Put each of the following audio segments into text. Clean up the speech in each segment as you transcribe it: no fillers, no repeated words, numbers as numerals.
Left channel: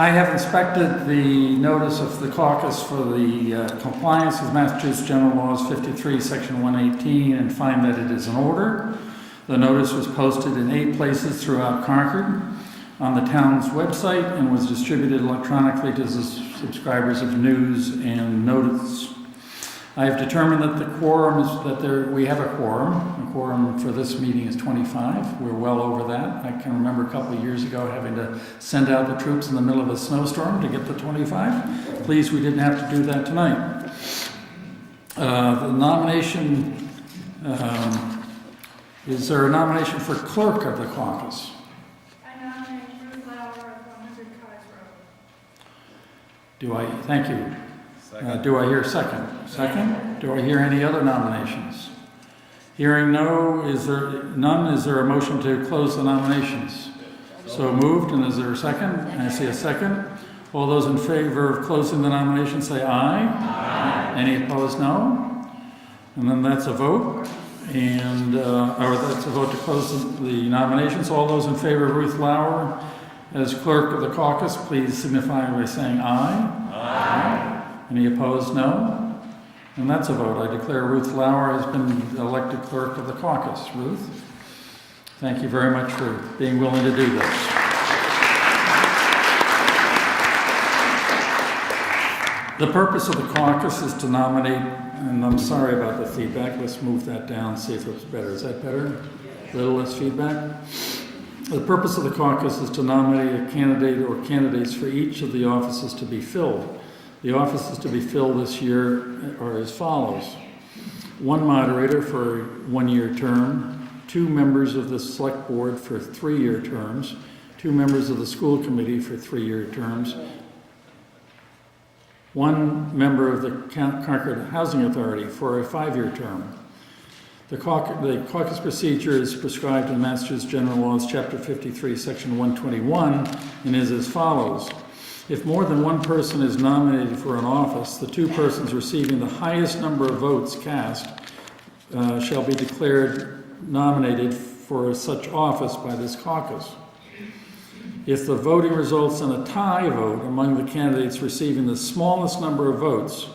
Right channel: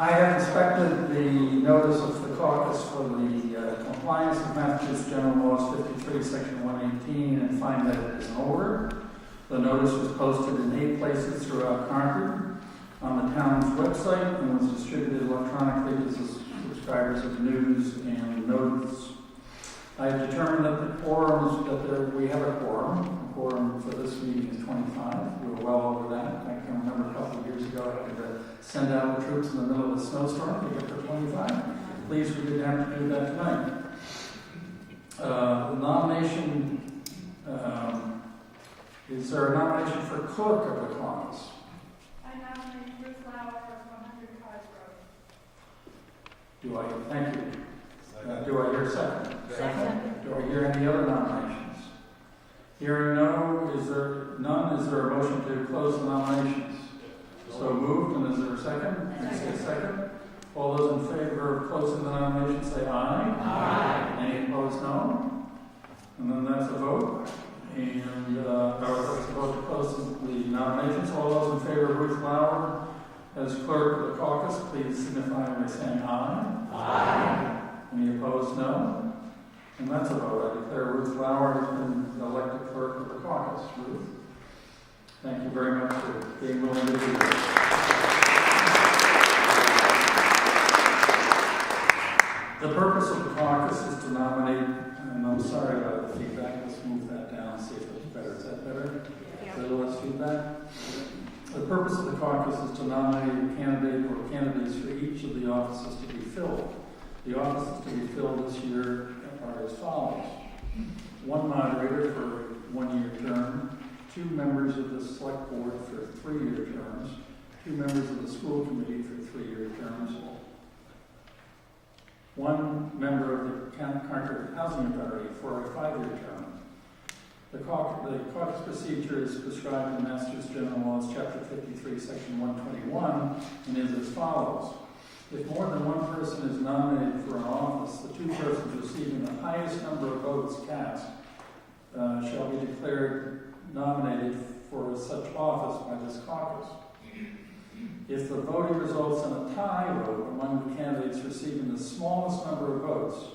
I have inspected the notice of the caucus for the compliance with Massachusetts General Laws 53, Section 118, and find that it is in order. The notice was posted in 8 places throughout Concord on the town's website and was distributed electronically to the subscribers of news and notice. I have determined that the quorum is we have a quorum. The quorum for this meeting is 25. We're well over that. I can remember a couple of years ago having to send out the troops in the middle of a snowstorm to get to 25. Pleased we didn't have to do that tonight. The nomination, is there a nomination for clerk of the caucus? I nominate Ruth Lauer of 100 Cottage Road. Thank you. Do I hear a second? Second? Do I hear any other nominations? Hearing none, is there a motion to close the nominations? So moved, and is there a second? I see a second. All those in favor of closing the nominations say aye. Aye. Any opposed, no? And then that's a vote. And, or that's a vote to close the nominations. All those in favor of Ruth Lauer as clerk of the caucus, please signify by saying aye. Aye. Any opposed, no? And that's a vote. I declare Ruth Lauer has been elected clerk of the caucus. Ruth, thank you very much for being willing to do this. The purpose of the caucus is to nominate, and I'm sorry about the feedback. Let's move that down and see if it's better. Is that better? A little less feedback? The purpose of the caucus is to nominate a candidate or candidates for each of the offices to be filled. The offices to be filled this year are as follows. 1 moderator for a 1-year term, 2 members of the select board for 3-year terms, 2 members of the school committee for 3-year terms, 1 member of the Concord Housing Authority for a 5-year term. The caucus procedure is prescribed in Massachusetts General Laws, Chapter 53, Section 121, and is as follows. If more than 1 person is nominated for an office, the 2 persons receiving the highest number of votes cast shall be declared nominated for such office by this caucus. If the voting results in a tie vote among the candidates receiving the smallest number of votes,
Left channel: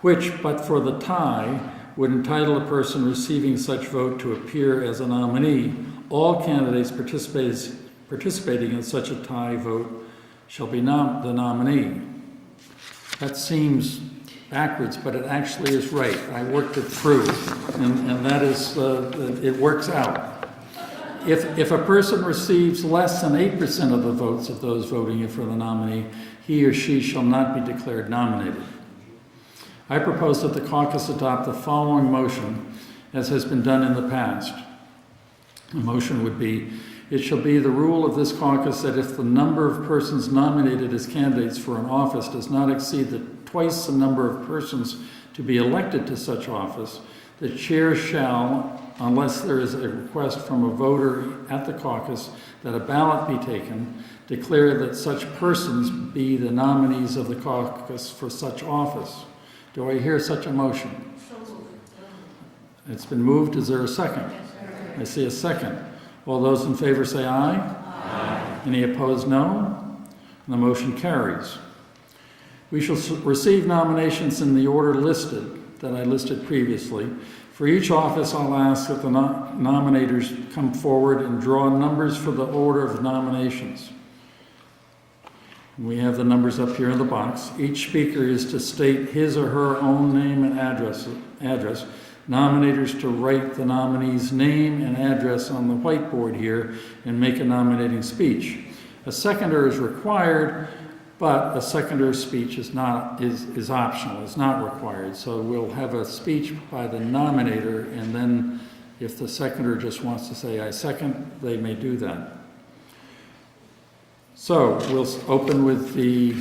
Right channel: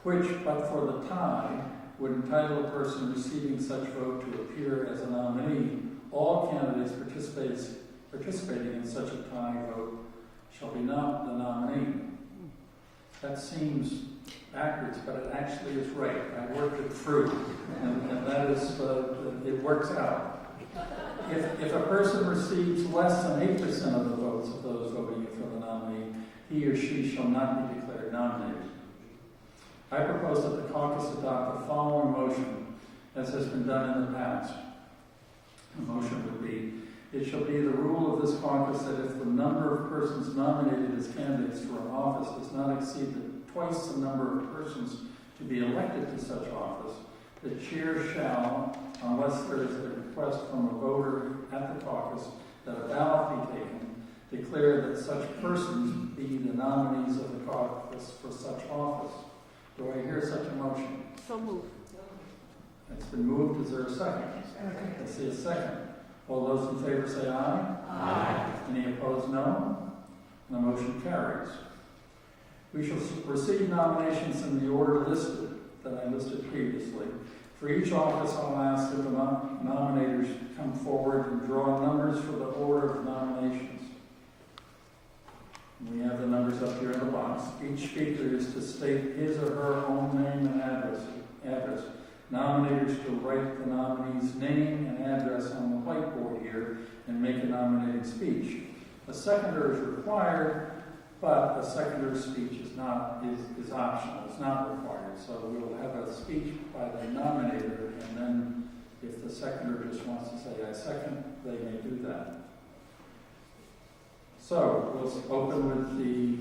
which, but for the tie, would entitle a person receiving such vote to appear as a nominee, all candidates participating in such a tie vote shall be the nominee. That seems backwards, but it actually is right. I worked it through, and that is, it works out. If a person receives less than 8% of the votes of those voting for the nominee, he or she shall not be declared nominated. I propose that the caucus adopt the following motion, as has been done in the past. The motion would be, it shall be the rule of this caucus that if the number of persons nominated as candidates for an office does not exceed twice the number of persons to be elected to such office, the chair shall, unless there is a request from a voter at the caucus that a ballot be taken, declare that such persons be the nominees of the caucus for such office. Do I hear such a motion? So moved. It's been moved. Is there a second? I see a second. All those in favor say aye. Aye. Any opposed, no. And the motion carries. We shall receive nominations in the order listed, that I listed previously. For each office, I'll ask that the nominators come forward and draw numbers for the order of nominations. We have the numbers up here in the box. Each speaker is to state his or her own name and address. Nominators to write the nominee's name and address on the whiteboard here and make a nominating speech. A seconder is required, but a seconder's speech is optional, it's not required. So we'll have a speech by the nominator, and then if the seconder just wants to say, I second, they may do that. So we'll open with the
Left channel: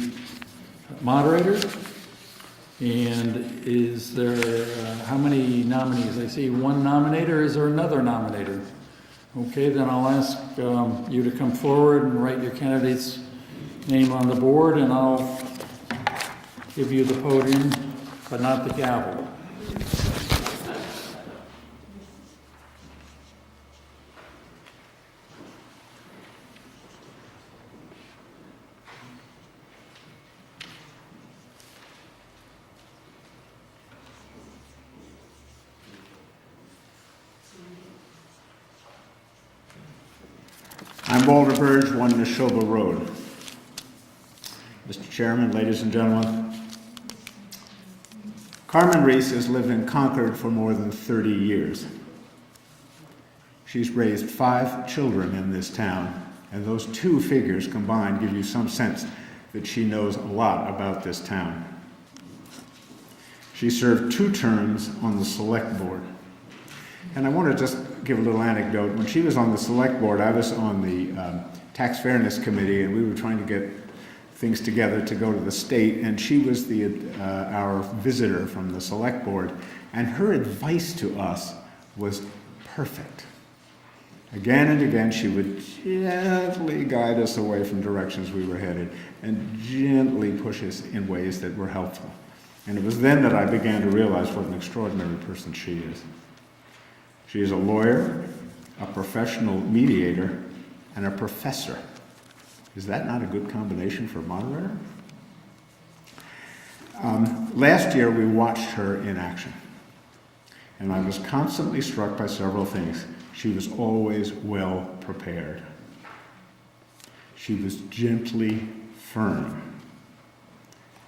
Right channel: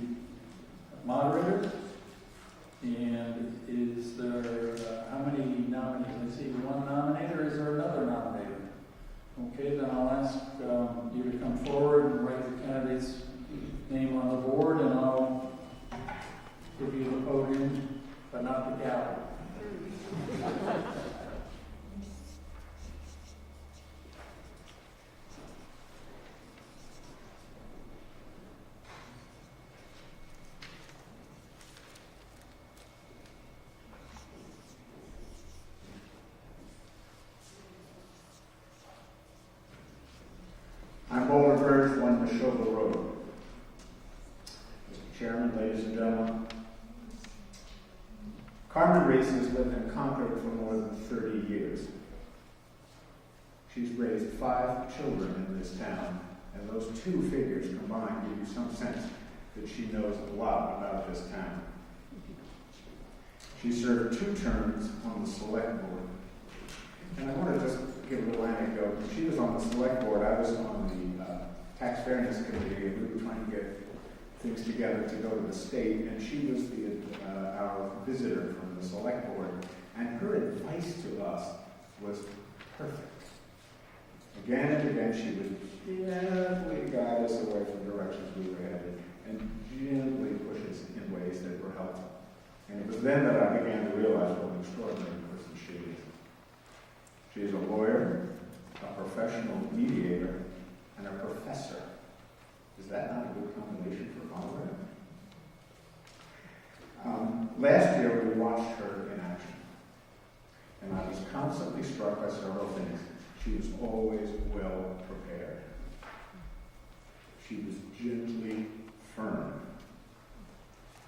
moderator. And is there, how many nominees? I see 1 nominator. Is there another nominator? Okay, then I'll ask you to come forward and write your candidate's name on the board, and I'll give you the podium, but not the gavel. I'm Walter Burge, 1 Neshoba Road. Mr. Chairman, ladies and gentlemen, Carmen Reece has lived in Concord for more than 30 years. She's raised 5 children in this town, and those 2 figures combined give you some sense that she knows a lot about this town. She served 2 terms on the select board. And I want to just give a little anecdote. When she was on the select board, I was on the tax fairness committee, and we were trying to get things together to go to the state, and she was our visitor from the select board, and her advice to us was perfect. Again and again, she would gently guide us away from directions we were headed, and gently push us in ways that were helpful. And it was then that I began to realize what an extraordinary person she is. She is a lawyer, a professional mediator, and a professor. Is that not a good combination for a moderator? Last year, we watched her in action, and I was constantly struck by several things. She was always well prepared. She was gently firm,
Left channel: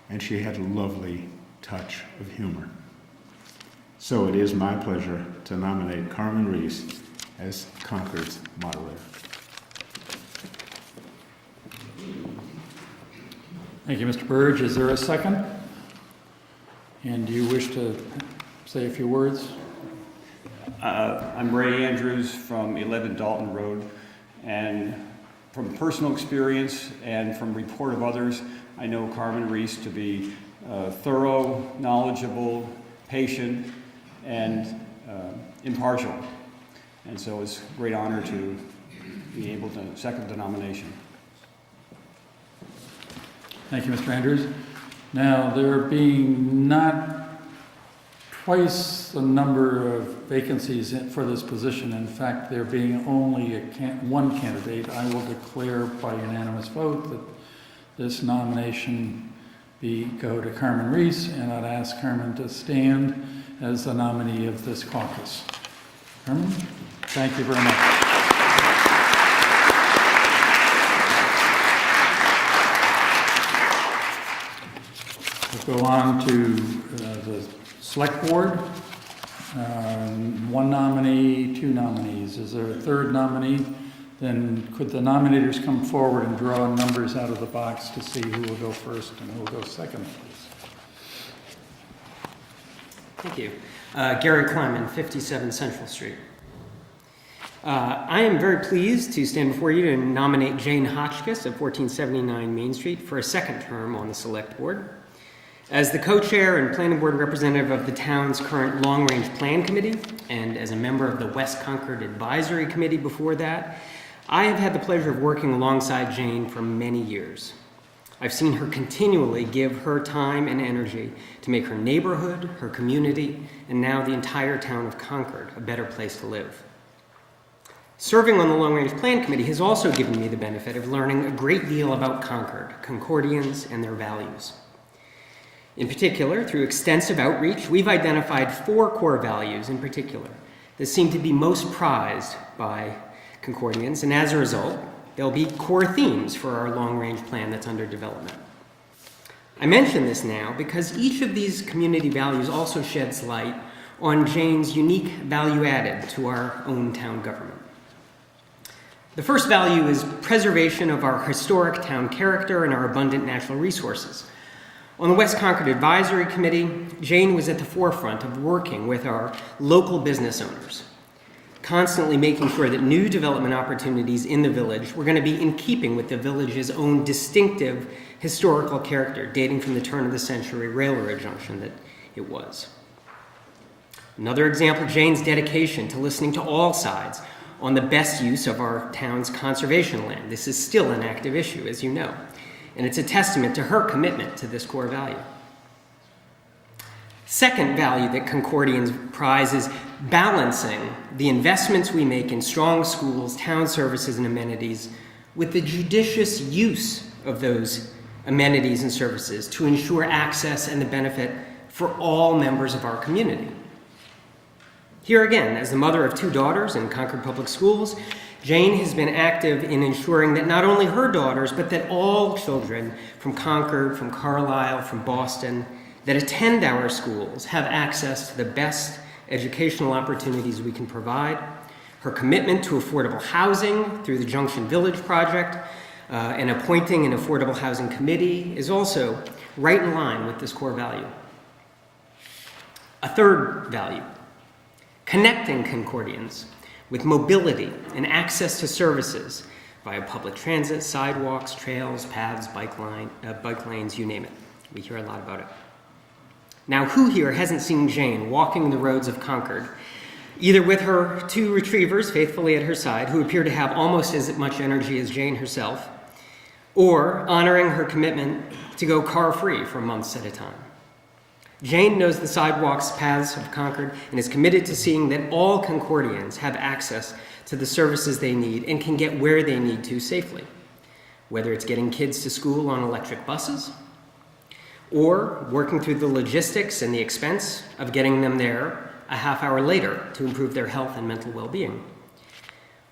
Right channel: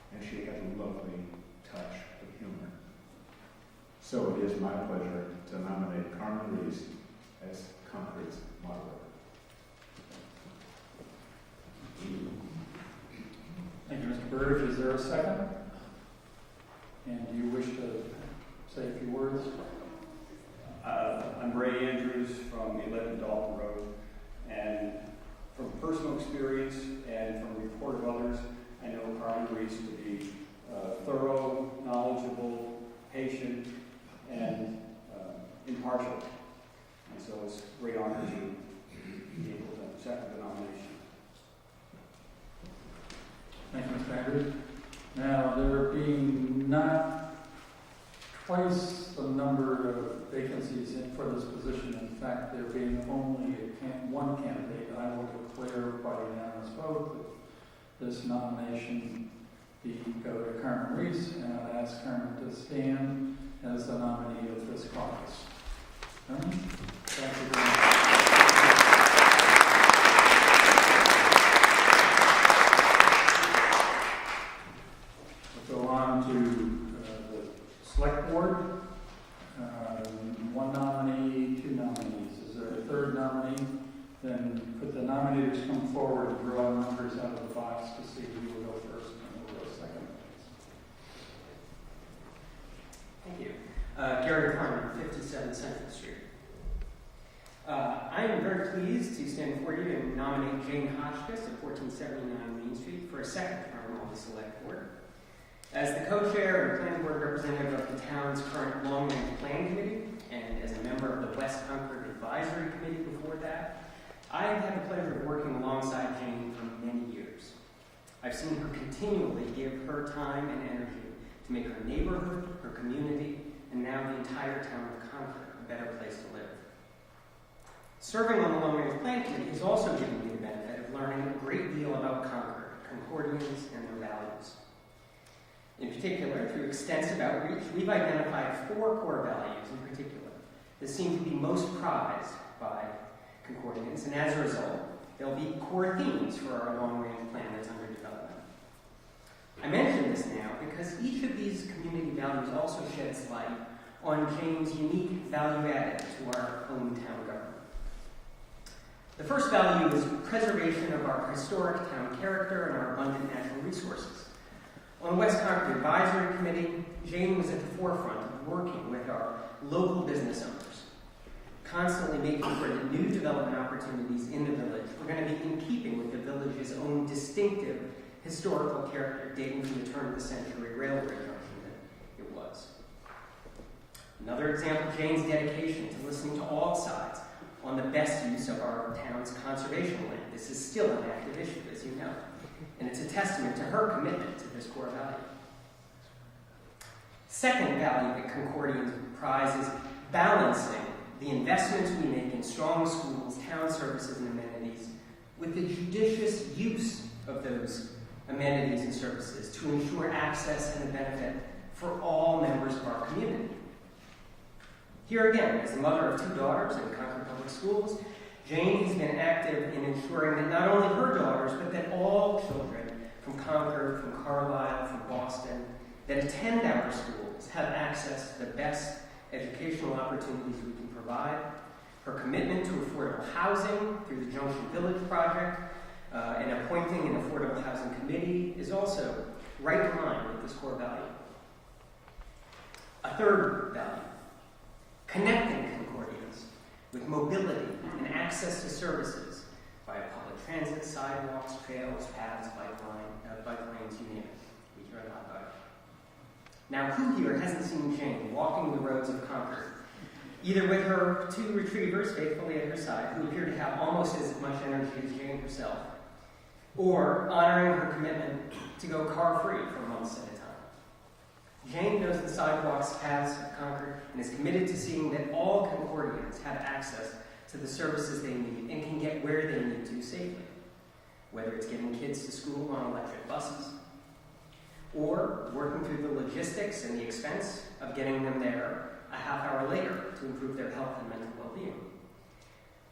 and she had a lovely touch of humor. So it is my pleasure to nominate Carmen Reece as Concord's moderator. Thank you, Mr. Burge. Is there a second? And do you wish to say a few words? I'm Ray Andrews from 11 Dalton Road, and from personal experience and from report of others, I know Carmen Reece to be thorough, knowledgeable, patient, and impartial. And so it's a great honor to be able to second the nomination. Thank you, Mr. Andrews. Now, there being not twice the number of vacancies for this position, in fact, there being only one candidate, I will declare by unanimous vote that this nomination go to Carmen Reece, and I'd ask Carmen to stand as the nominee of this caucus. Carmen, thank you very much. We'll go on to the select board. 1 nominee, 2 nominees. Is there a 3rd nominee? Then could the nominators come forward and draw numbers out of the box to see who will go first and who will go second, please? Thank you. Gary Kleiman, 57 Central Street. I am very pleased to stand before you to nominate Jane Hotchkiss of 1479 Main Street for a 2nd term on the Select Board. As the co-chair and planning board representative of the town's current long-range plan committee, and as a member of the West Concord Advisory Committee before that, I have had the pleasure of working alongside Jane for many years. I've seen her continually give her time and energy to make her neighborhood, her community, and now the entire town of Concord a better place to live. Serving on the Long Range Plan Committee has also given me the benefit of learning a great deal about Concord, Concordians, and their values. In particular, through extensive outreach, we've identified 4 core values in particular that seem to be most prized by Concordians, and as a result, there'll be core themes for our long-range plan that's under development. I mention this now because each of these community values also sheds light on Jane's unique value added to our own town government. The first value is preservation of our historic town character and our abundant natural resources. On the West Concord Advisory Committee, Jane was at the forefront of working with our local business owners, constantly making sure that new development opportunities in the village were going to be in keeping with the village's own distinctive historical character, dating from the turn of the century railroad junction that it was. Another example, Jane's dedication to listening to all sides on the best use of our town's conservation land. This is still an active issue, as you know, and it's a testament to her commitment to this core value. Second value that Concordians prize is balancing the investments we make in strong schools, town services, and amenities with the judicious use of those amenities and services to ensure access and the benefit for all members of our community. Here again, as the mother of 2 daughters in Concord Public Schools, Jane has been active in ensuring that not only her daughters, but that all children from Concord, from Carlisle, from Boston, that attend our schools have access to the best educational opportunities we can provide. Her commitment to affordable housing through the Junction Village Project and appointing an affordable housing committee is also right in line with this core value. A third value, connecting Concordians with mobility and access to services via public transit, sidewalks, trails, paths, bike lanes, you name it. We hear a lot about it. Now, who here hasn't seen Jane walking the roads of Concord, either with her two retrievers faithfully at her side, who appear to have almost as much energy as Jane herself, or honoring her commitment to go car-free for months at a time? Jane knows the sidewalks, paths of Concord, and is committed to seeing that all Concordians have access to the services they need and can get where they need to safely, whether it's getting kids to school on electric buses, or working through the logistics and the expense of getting them there a half hour later to improve their health and mental well-being,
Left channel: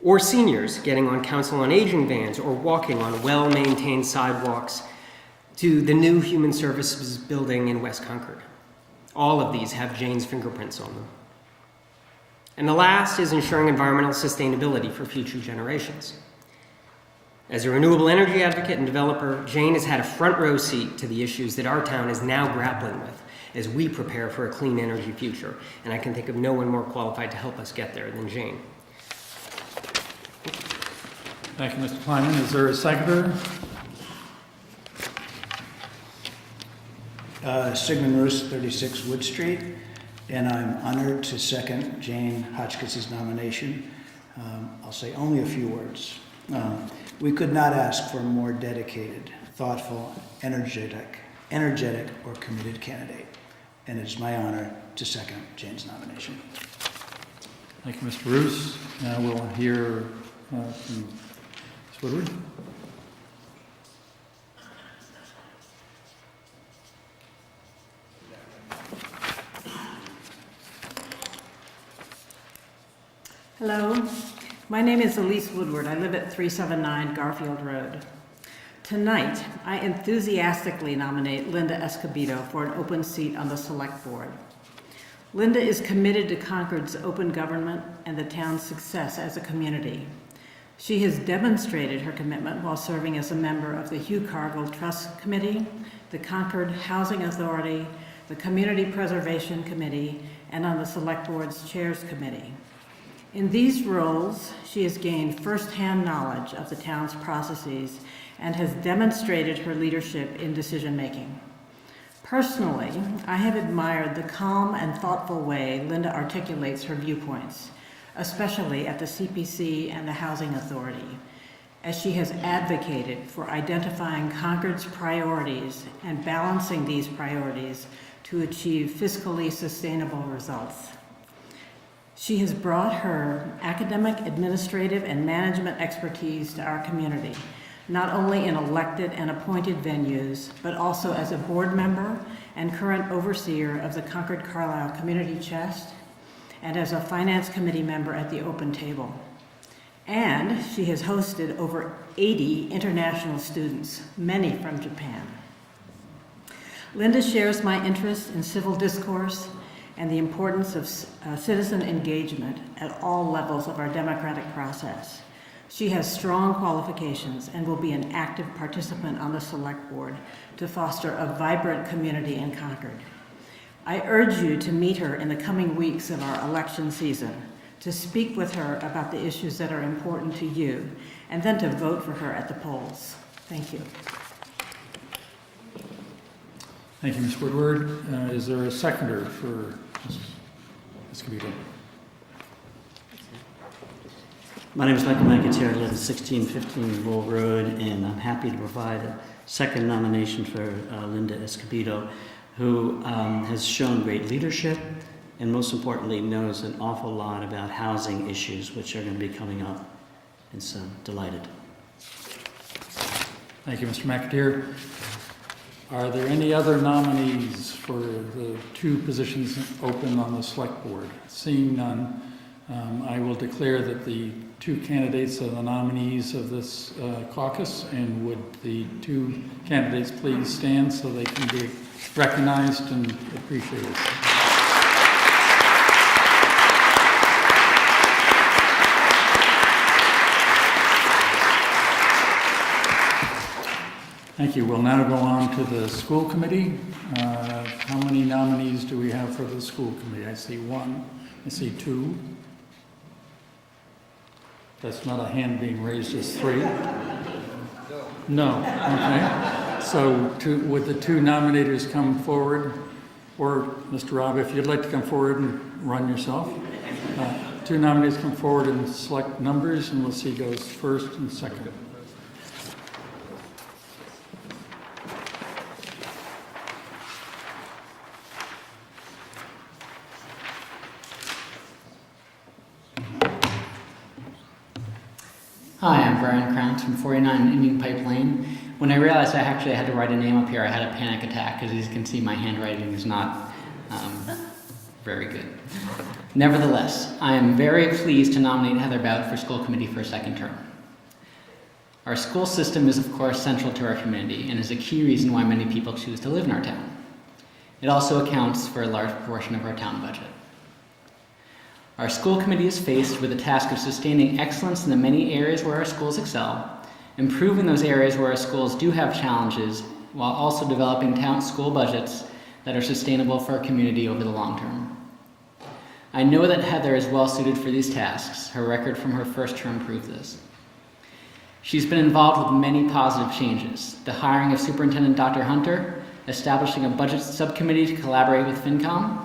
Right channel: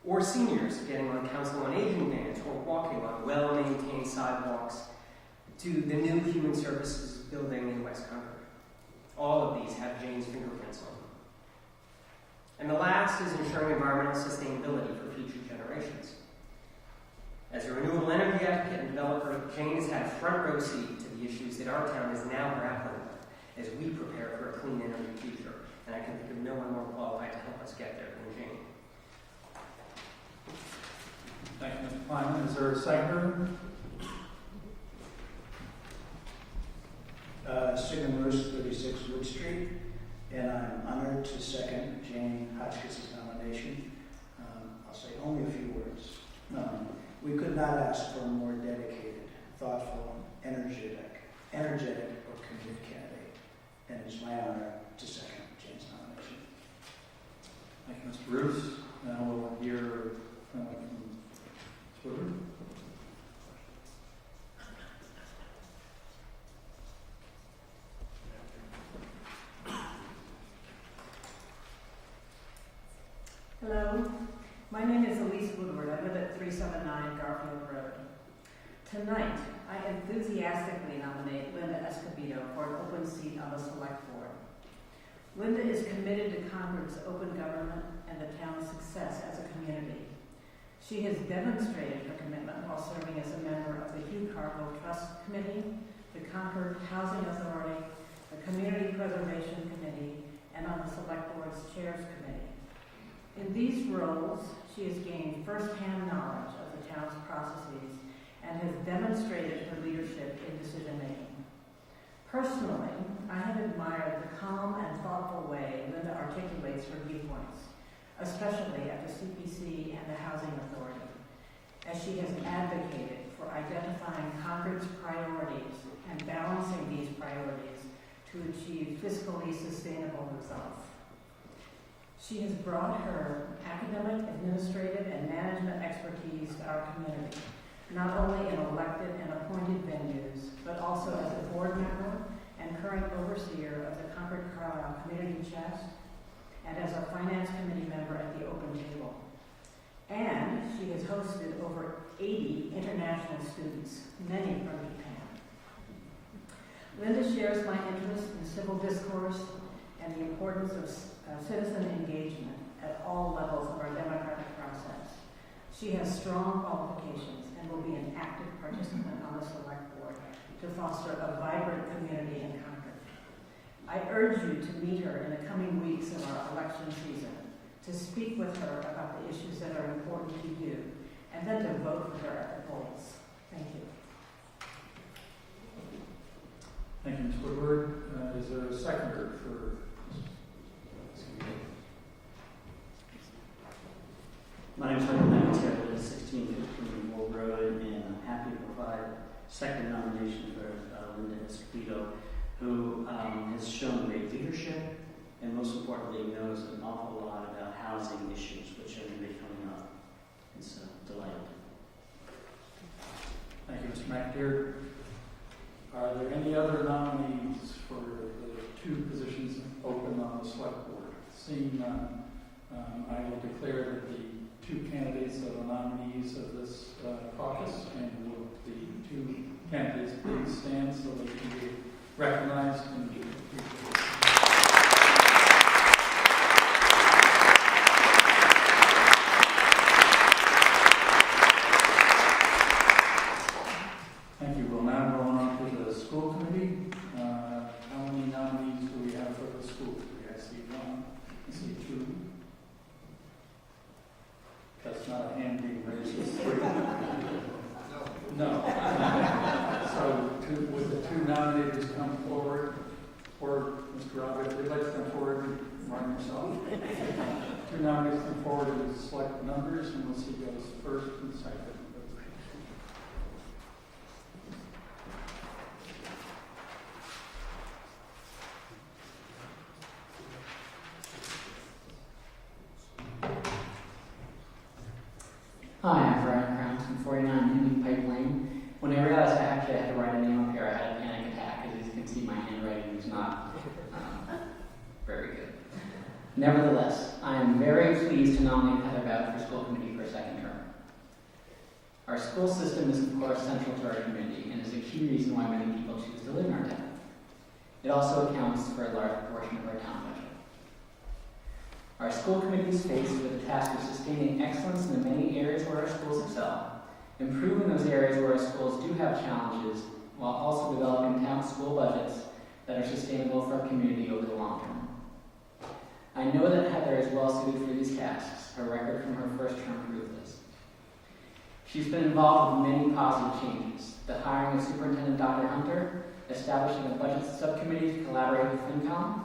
or seniors getting on Council on Aging vans or walking on well-maintained sidewalks to the new Human Services building in West Concord. All of these have Jane's fingerprints on them. And the last is ensuring environmental sustainability for future generations. As a renewable energy advocate and developer, Jane has had a front row seat to the issues that our town is now grappling with as we prepare for a clean energy future. And I can think of no one more qualified to help us get there than Jane. Thank you, Mr. Kleiman. Is there a seconder? Sigmund Roos, 36 Wood Street, and I'm honored to second Jane Hotchkiss' nomination. I'll say only a few words. We could not ask for a more dedicated, thoughtful, energetic, or committed candidate, and it's my honor to second Jane's nomination. Thank you, Mr. Roos. Now we'll hear from Ms. Woodward. Hello, my name is Elise Woodward. I live at 379 Garfield Road. Tonight, I enthusiastically nominate Linda Escobedo for an open seat on the Select Board. Linda is committed to Concord's open government and the town's success as a community. She has demonstrated her commitment while serving as a member of the Hugh Cargill Trust Committee, the Concord Housing Authority, the Community Preservation Committee, and on the Select Board's Chairs Committee. In these roles, she has gained firsthand knowledge of the town's processes and has demonstrated her leadership in decision-making. Personally, I have admired the calm and thoughtful way Linda articulates her viewpoints, especially at the CPC and the Housing Authority, as she has advocated for identifying Concord's priorities and balancing these priorities to achieve fiscally sustainable results. She has brought her academic, administrative, and management expertise to our community, not only in elected and appointed venues, but also as a board member and current overseer of the Concord Carlisle Community Chest, and as a finance committee member at the Open Table. And she has hosted over 80 international students, many from Japan. Linda shares my interest in civil discourse and the importance of citizen engagement at all levels of our democratic process. She has strong qualifications and will be an active participant on the Select Board to foster a vibrant community in Concord. I urge you to meet her in the coming weeks of our election season, to speak with her about the issues that are important to you, and then to vote for her at the polls. Thank you. Thank you, Ms. Woodward. Is there a seconder for Ms. Escobedo? My name is Michael McIntyre. I live at 1615 Roll Road, and I'm happy to provide a second nomination for Linda Escobedo, who has shown great leadership and most importantly knows an awful lot about housing issues, which are going to be coming up. And so, delighted. Thank you, Mr. McIntyre. Are there any other nominees for the two positions open on the Select Board? Seeing none, I will declare that the two candidates are the nominees of this caucus, and would the two candidates please stand so they can be recognized and appreciated. Thank you. We'll now go on to the school committee. How many nominees do we have for the school committee? I see one. I see two. That's not a hand being raised as three. No. Okay. So would the two nominators come forward? Or, Mr. Robb, if you'd like to come forward and run yourself. Two nominees come forward and select numbers, and we'll see who goes first and second. Hi, I'm Brian Krantz from 49 Indian Pipe Lane. When I realized I actually had to write a name up here, I had a panic attack, because as you can see, my handwriting is not very good. Nevertheless, I am very pleased to nominate Heather Bout for school committee for a second term. Our school system is, of course, central to our community and is a key reason why many people choose to live in our town. It also accounts for a large proportion of our town budget. Our school committee is faced with the task of sustaining excellence in the many areas where our schools excel, improving those areas where our schools do have challenges, while also developing town school budgets that are sustainable for our community over the long term. I know that Heather is well suited for these tasks. Her record from her first term proves this. She's been involved with many positive changes: the hiring of Superintendent Dr. Hunter, establishing a budget subcommittee to collaborate with FinCom,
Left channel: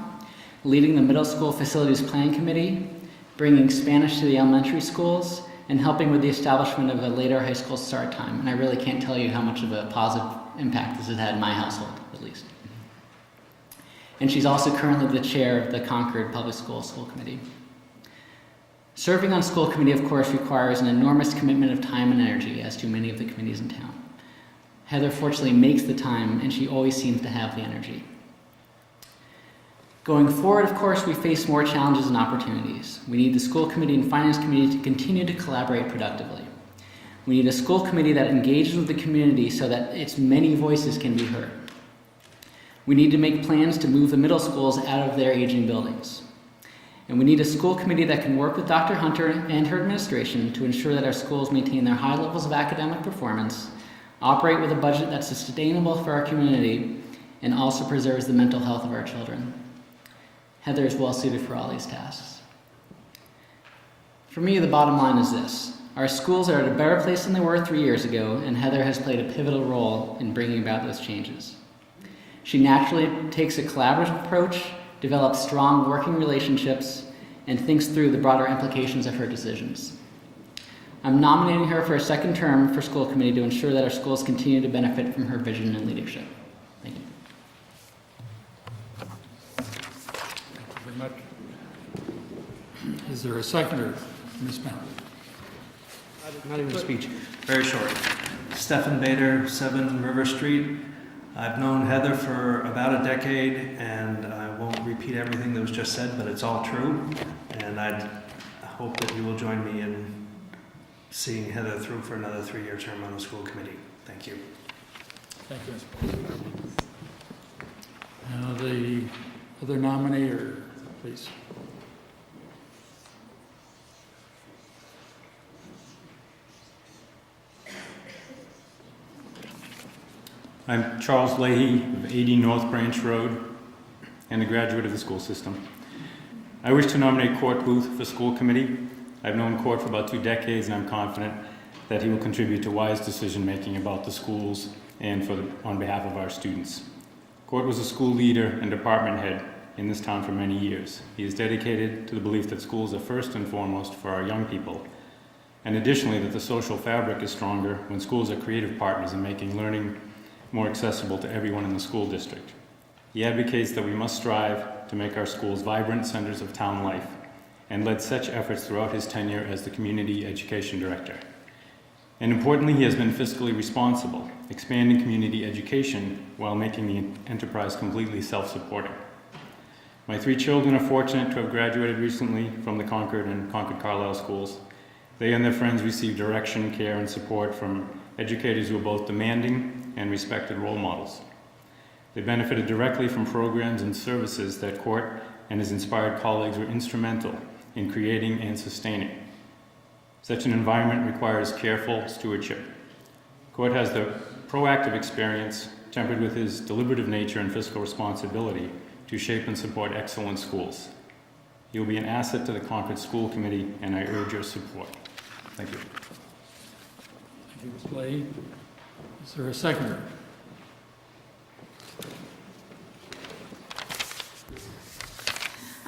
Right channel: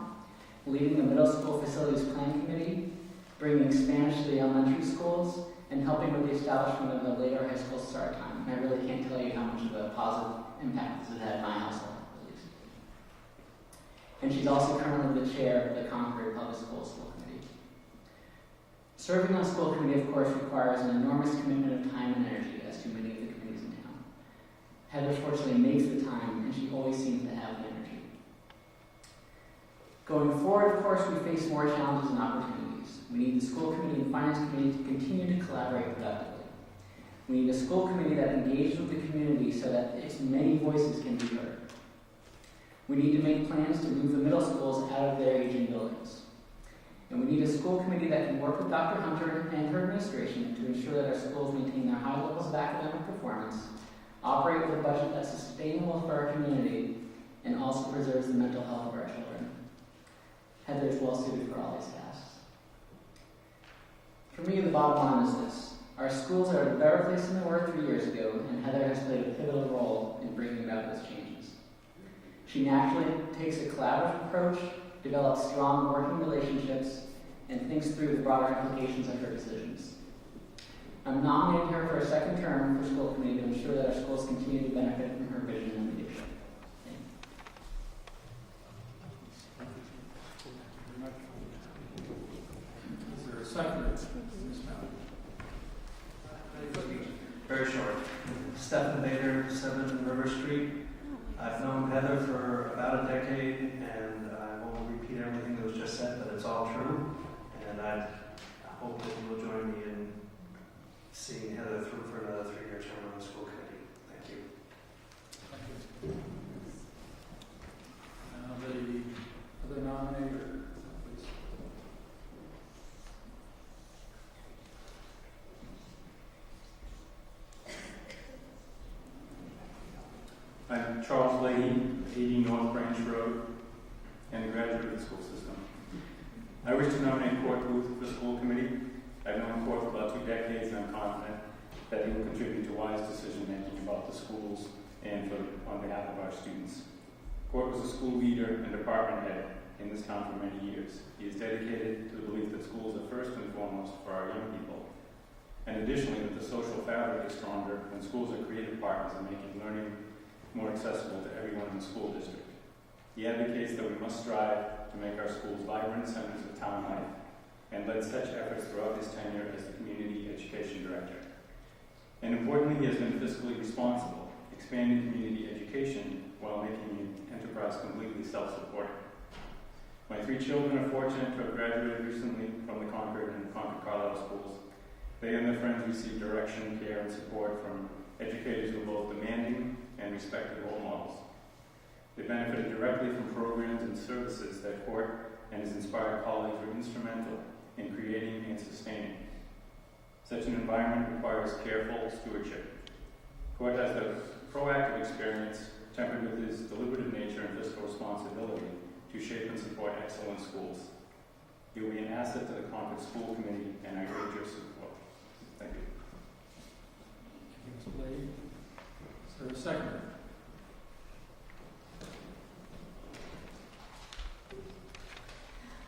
leading the middle school facilities plan committee, bringing Spanish to the elementary schools, and helping with the establishment of a later high school start time. And I really can't tell you how much of a positive impact this has had in my household, at least. And she's also currently the chair of the Concord Public School Committee. Serving on school committee, of course, requires an enormous commitment of time and energy, as do many of the committees in town. Heather fortunately makes the time, and she always seems to have the energy. Going forward, of course, we face more challenges and opportunities. We need the school committee and finance committee to continue to collaborate productively. We need a school committee that engages with the community so that its many voices can be heard. We need to make plans to move the middle schools out of their aging buildings. And we need a school committee that can work with Dr. Hunter and her administration to ensure that our schools maintain their high levels of academic performance, operate with a budget that's sustainable for our community, and also preserves the mental health of our children. Heather is well suited for all these tasks. For me, the bottom line is this: our schools are at a better place than they were 3 years ago, and Heather has played a pivotal role in bringing about those changes. She naturally takes a collaborative approach, develops strong working relationships, and thinks through the broader implications of her decisions. I'm nominating her for a second term for school committee to ensure that our schools continue to benefit from her vision and leadership. Thank you. Very much. Is there a seconder, Ms. Mount? Not even a speech. Very short. Stephen Bader, 7 River Street. I've known Heather for about a decade, and I won't repeat everything that was just said, but it's all true. And I hope that you will join me in seeing Heather through for another 3-year term on the school committee. Thank you. Thank you, Mr. President. The other nominee, please. I'm Charles Leahy of 80 North Branch Road and a graduate of the school system. I wish to nominate Court Booth for school committee. I've known Court for about 2 decades, and I'm confident that he will contribute to wise decision-making about the schools and on behalf of our students. Court was a school leader and department head in this town for many years. He is dedicated to the belief that schools are first and foremost for our young people, and additionally that the social fabric is stronger when schools are creative partners in making learning more accessible to everyone in the school district. He advocates that we must strive to make our schools vibrant centers of town life, and led such efforts throughout his tenure as the community education director. And importantly, he has been fiscally responsible, expanding community education while making the enterprise completely self-supporting. My 3 children are fortunate to have graduated recently from the Concord and Concord Carlisle schools, They and their friends receive direction, care, and support from educators who are both demanding and respected role models. They benefited directly from programs and services that Court and his inspired colleagues were instrumental in creating and sustaining. Such an environment requires careful stewardship. Court has the proactive experience, tempered with his deliberative nature and fiscal responsibility, to shape and support excellent schools. He will be an asset to the Concord School Committee, and I urge your support. Thank you. Thank you, Ms. Leahy. Is there a seconder?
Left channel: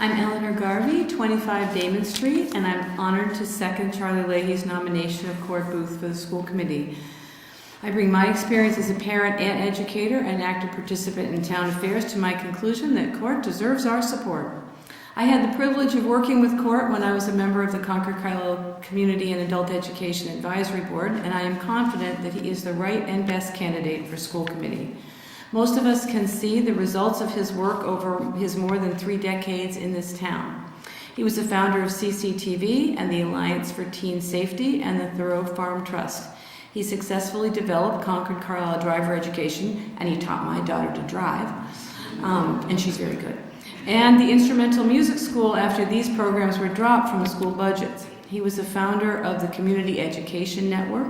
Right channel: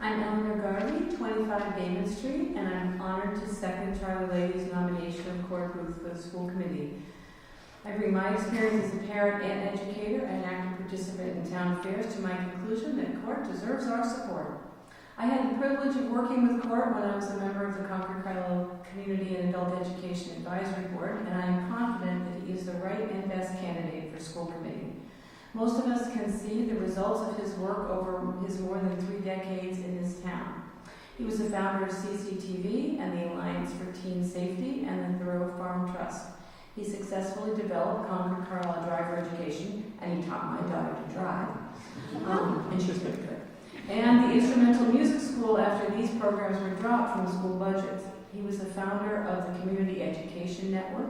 I'm Eleanor Garvey, 25 Damon Street, and I'm honored to second Charlie Leahy's nomination of Court Booth for the school committee. I bring my experience as a parent and educator and active participant in town affairs to my conclusion that Court deserves our support. I had the privilege of working with Court when I was a member of the Concord Carlisle Community and Adult Education Advisory Board, and I am confident that he is the right and best candidate for school committee. Most of us can see the results of his work over his more than 3 decades in this town. He was the founder of CCTV and the Alliance for Teen Safety and the Thoreau Farm Trust. He successfully developed Concord Carlisle driver education, and he taught my daughter to drive, and she's very good. And the instrumental music school after these programs were dropped from the school budgets. He was the founder of the Community Education Network.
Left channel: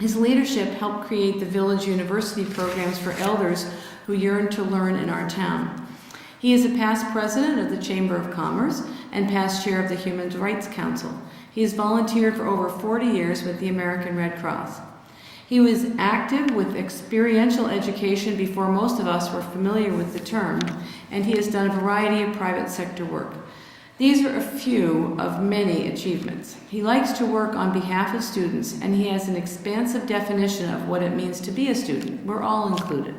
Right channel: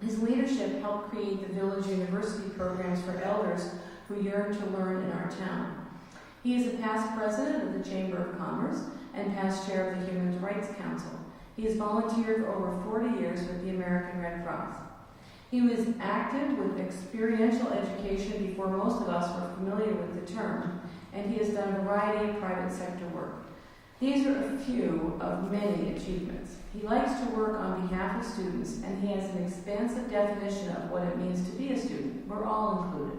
His leadership helped create the Village University programs for elders who yearn to learn in our town. He is a past president of the Chamber of Commerce and past chair of the Human Rights Council. He has volunteered for over 40 years with the American Red Cross. He was active with experiential education before most of us were familiar with the term, and he has done a variety of private sector work. These are a few of many achievements. He likes to work on behalf of students, and he has an expansive definition of what it means to be a student. We're all included.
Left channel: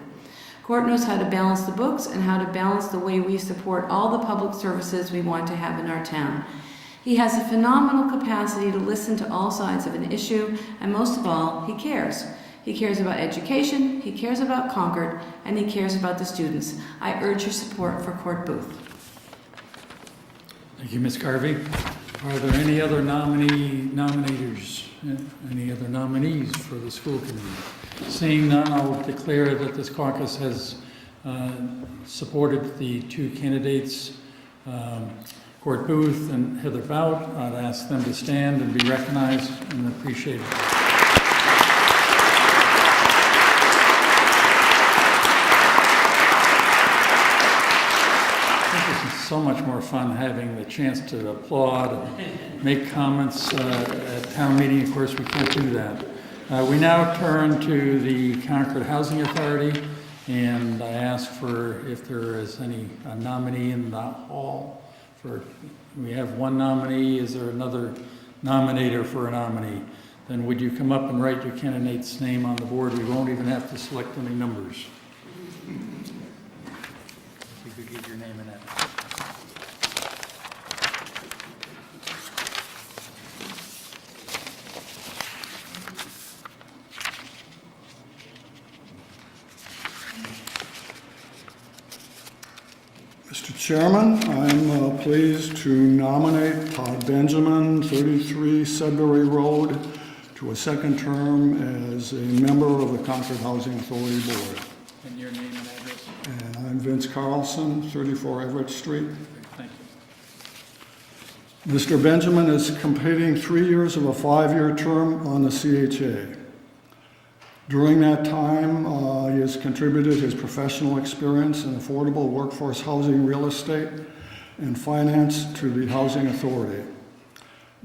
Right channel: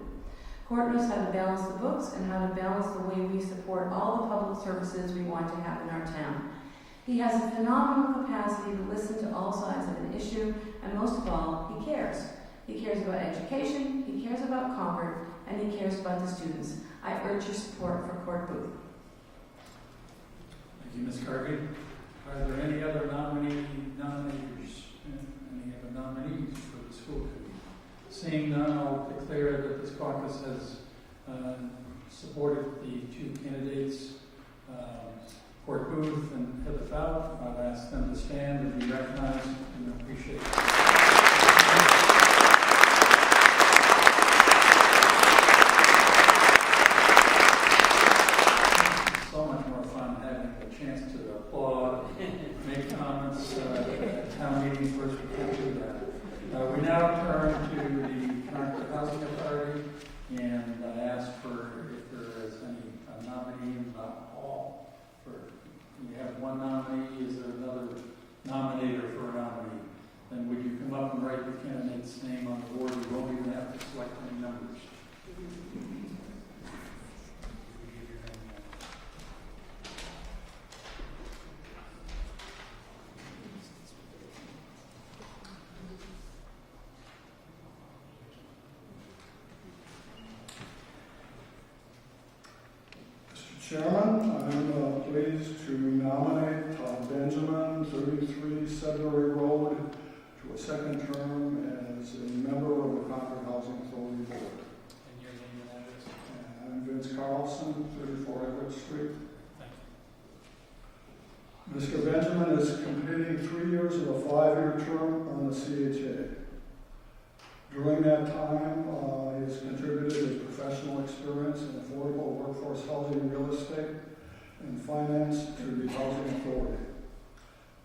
Court knows how to balance the books and how to balance the way we support all the public services we want to have in our town. He has a phenomenal capacity to listen to all sides of an issue, and most of all, he cares. He cares about education, he cares about Concord, and he cares about the students. I urge your support for Court Booth. Thank you, Ms. Garvey. Are there any other nominators, any other nominees for the school committee? Seeing none, I'll declare that this caucus has supported the 2 candidates, Court Booth and Heather Bout. I'd ask them to stand and be recognized and appreciated. So much more fun having the chance to applaud and make comments at town meeting. Of course, we can't do that. We now turn to the Concord Housing Authority, and I ask for if there is any nominee in the hall. We have 1 nominee. Is there another nominator for a nominee? Then would you come up and write your candidate's name on the board? We won't even have to select any numbers. You could give your name and address. Mr. Chairman, I'm pleased to nominate Todd Benjamin, 33 Sudbury Road, to a 2nd term as a member of the Concord Housing Authority Board. And your name and address? And I'm Vince Carlson, 34 Everett Street. Thank you. Mr. Benjamin is completing 3 years of a 5-year term on the CHA. During that time, he has contributed his professional experience in affordable workforce housing, real estate, and finance to the Housing Authority.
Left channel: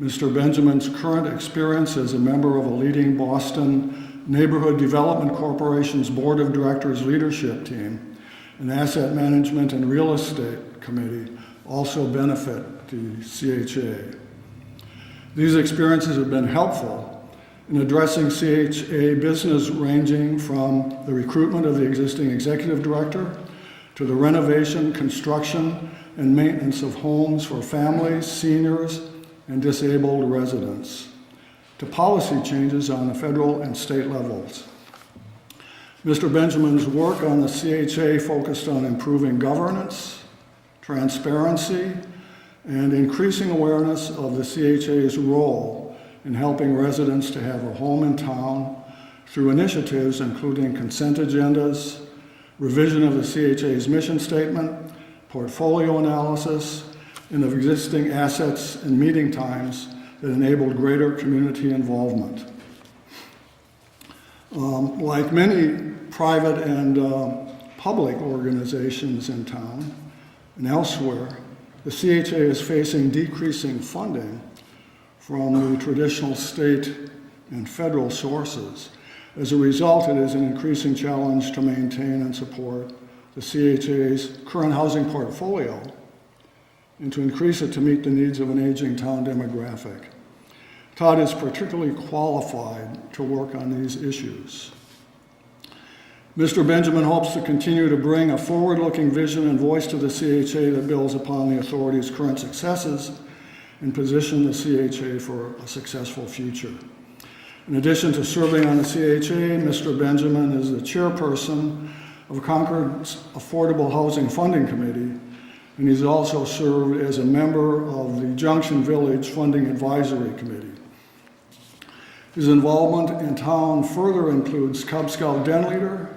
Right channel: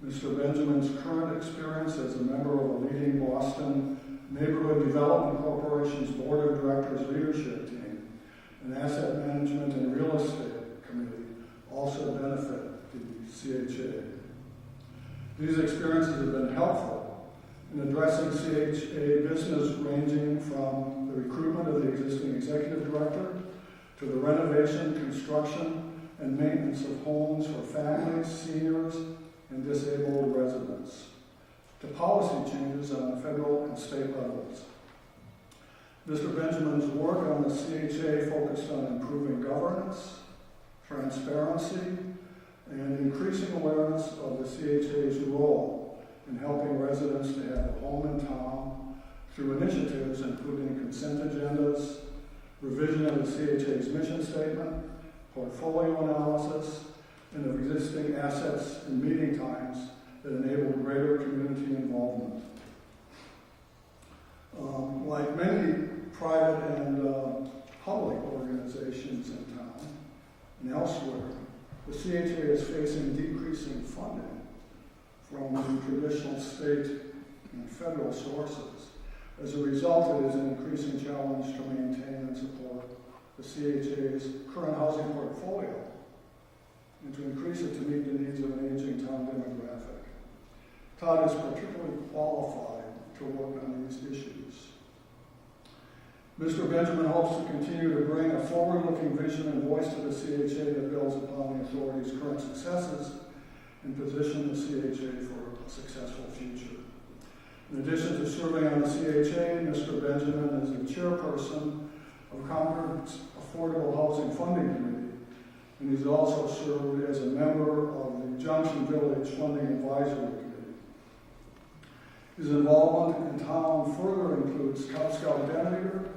Mr. Benjamin's current experience as a member of a leading Boston Neighborhood Development Corporation's Board of Directors leadership team and Asset Management and Real Estate Committee also benefit the CHA. These experiences have been helpful in addressing CHA business, ranging from the recruitment of the existing executive director to the renovation, construction, and maintenance of homes for families, seniors, and disabled residents, to policy changes on the federal and state levels. Mr. Benjamin's work on the CHA focused on improving governance, transparency, and increasing awareness of the CHA's role in helping residents to have a home in town through initiatives including consent agendas, revision of the CHA's mission statement, portfolio analysis, and of existing assets and meeting times that enabled greater community involvement. Like many private and public organizations in town and elsewhere, the CHA is facing decreasing funding from the traditional state and federal sources. As a result, it is an increasing challenge to maintain and support the CHA's current housing portfolio and to increase it to meet the needs of an aging town demographic. Todd is particularly qualified to work on these issues. Mr. Benjamin hopes to continue to bring a forward-looking vision and voice to the CHA that builds upon the authority's current successes and position the CHA for a successful future. In addition to serving on the CHA, Mr. Benjamin is the chairperson of Concord's Affordable Housing Funding Committee, and he's also served as a member of the Junction Village Funding Advisory Committee. His involvement in town further includes Cub Scout den leader,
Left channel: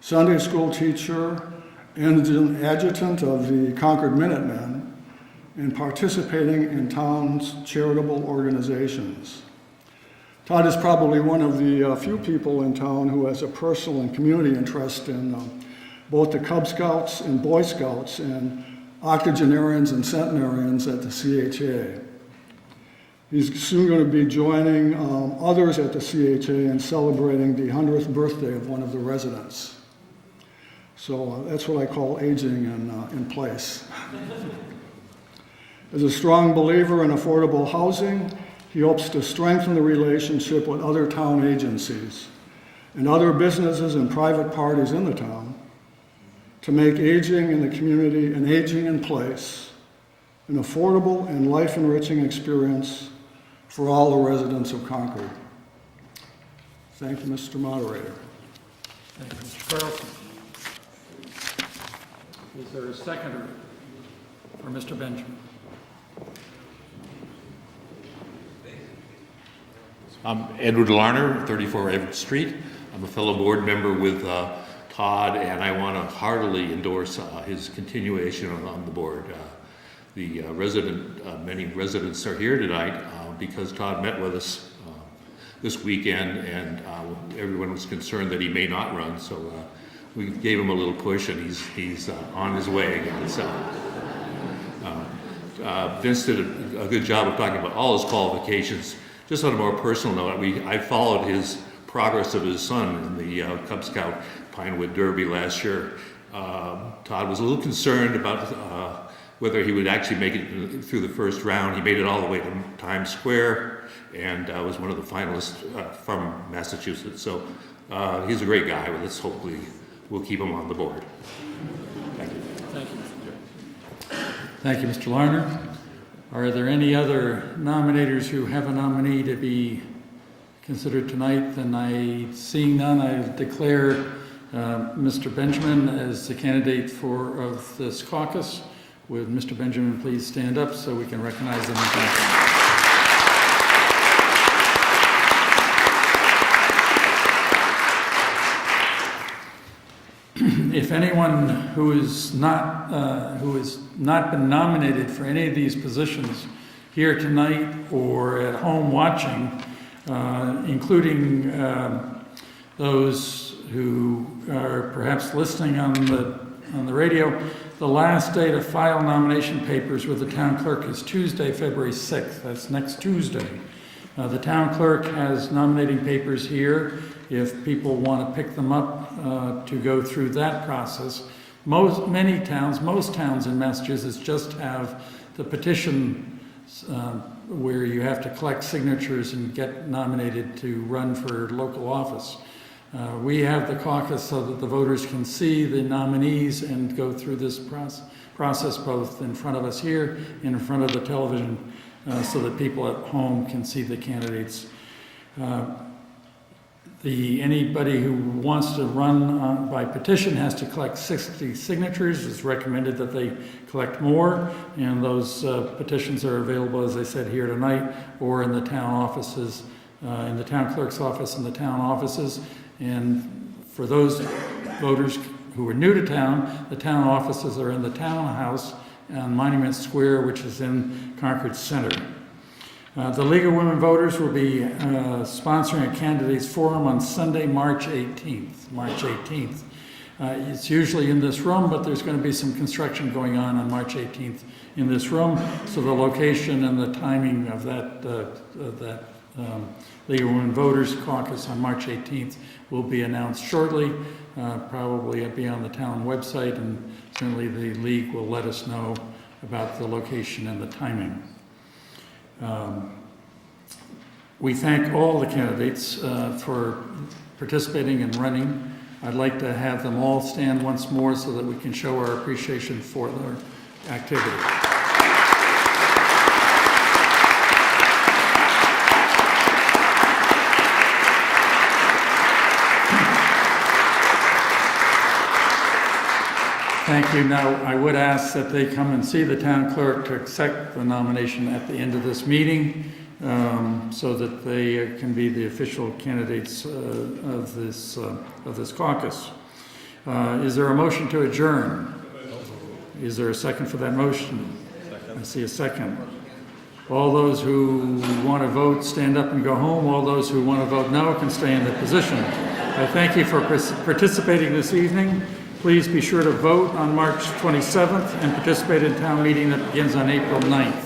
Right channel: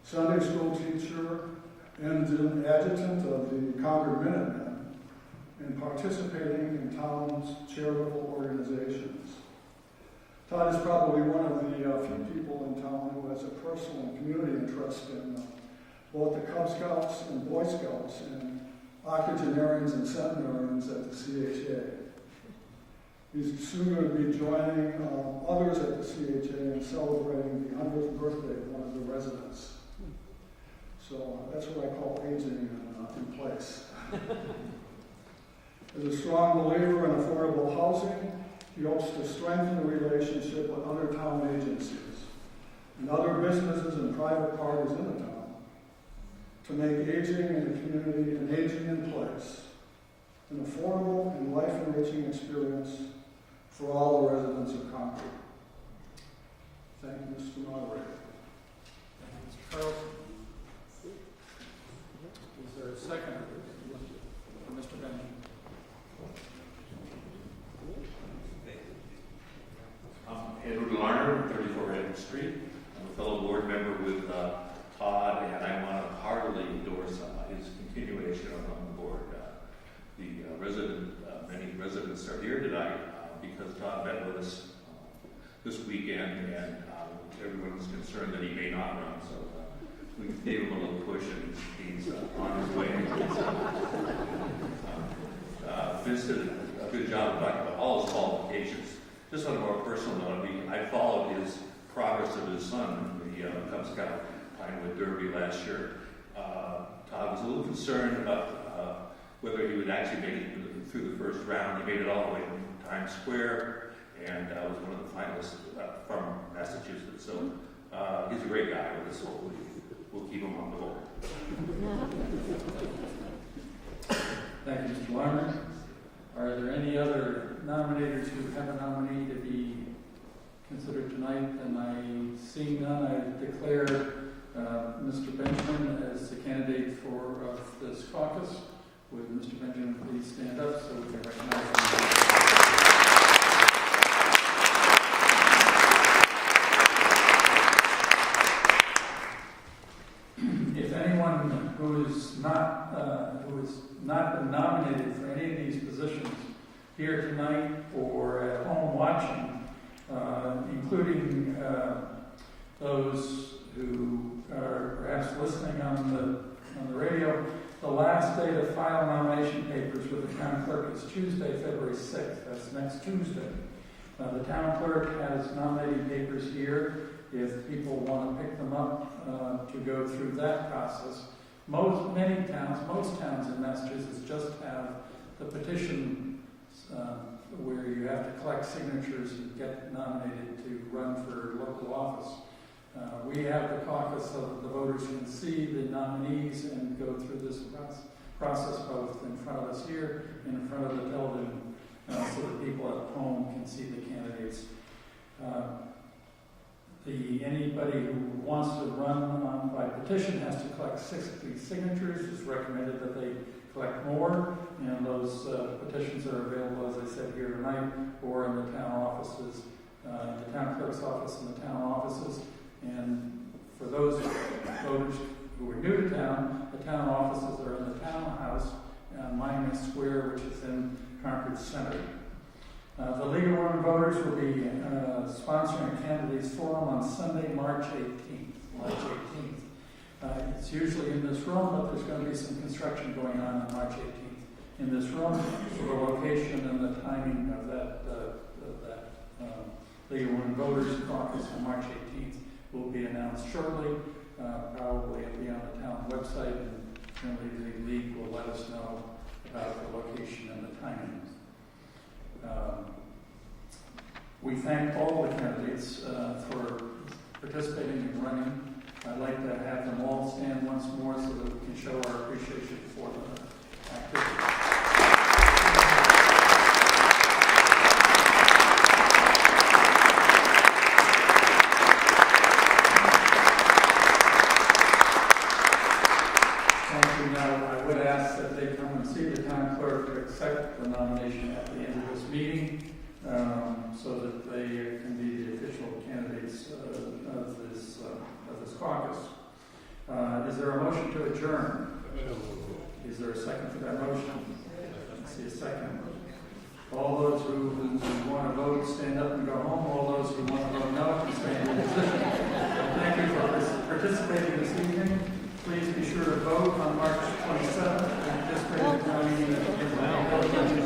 Sunday school teacher, and an adjutant of the Concord Minutemen, and participating in town's charitable organizations. Todd is probably one of the few people in town who has a personal and community interest in both the Cub Scouts and Boy Scouts and octogenarians and centenarians at the CHA. He's soon going to be joining others at the CHA and celebrating the 100th birthday of one of the residents. So that's what I call aging in place. As a strong believer in affordable housing, he hopes to strengthen the relationship with other town agencies and other businesses and private parties in the town to make aging in the community and aging in place an affordable and life-enriching experience for all the residents of Concord. Thank you, Mr. Moderator. Thank you, Mr. Carlson. Is there a seconder for Mr. Benjamin? I'm Edward Larner, 34 Everett Street. I'm a fellow board member with Todd, and I want to heartily endorse his continuation on the board. Many residents are here tonight because Todd met with us this weekend, and everyone was concerned that he may not run, so we gave him a little push, and he's on his way. Vince did a good job of talking about all his qualifications. Just on a more personal note, I followed his progress of his son in the Cub Scout Pinewood Derby last year. Todd was a little concerned about whether he would actually make it through the first round. He made it all the way to Times Square and was one of the finalists from Massachusetts. So he's a great guy. Let's hopefully we'll keep him on the board. Thank you. Thank you, Mr. Larner. Are there any other nominators who have a nominee to be considered tonight? Then seeing none, I declare Mr. Benjamin as the candidate of this caucus. Would Mr. Benjamin please stand up so we can recognize him? If anyone who has not been nominated for any of these positions here tonight or at home watching, including those who are perhaps listening on the radio, the last day to file nomination papers with the town clerk is Tuesday, February 6th. That's next Tuesday. The town clerk has nominating papers here if people want to pick them up to go through that process. Most towns in Massachusetts just have the petition where you have to collect signatures and get nominated to run for local office. We have the caucus so that the voters can see the nominees and go through this process both in front of us here and in front of the television so that people at home can see the candidates. Anybody who wants to run by petition has to collect 60 signatures. It's recommended that they collect more, and those petitions are available, as I said, here tonight, or in the town offices, in the town clerk's office and the town offices. And for those voters who are new to town, the town offices are in the townhouse on Monument Square, which is in Concord Center. The League of Women Voters will be sponsoring a candidates forum on Sunday, March 18th. It's usually in this room, but there's going to be some construction going on March 18th in this room. So the location and the timing of that League of Women Voters caucus on March 18th will be announced shortly. Probably it'll be on the town website, and certainly the league will let us know about the location and the timing. We thank all the candidates for participating and running. I'd like to have them all stand once more so that we can show our appreciation for their activity. Thank you. Now, I would ask that they come and see the town clerk to accept the nomination at the end of this meeting, so that they can be the official candidates of this caucus. Is there a motion to adjourn? Is there a second for that motion? I see a second. All those who want to vote, stand up and go home. All those who want to vote no can stay in their position. I thank you for participating this evening. Please be sure to vote on March 27th and participate in town meeting that begins on April 9th.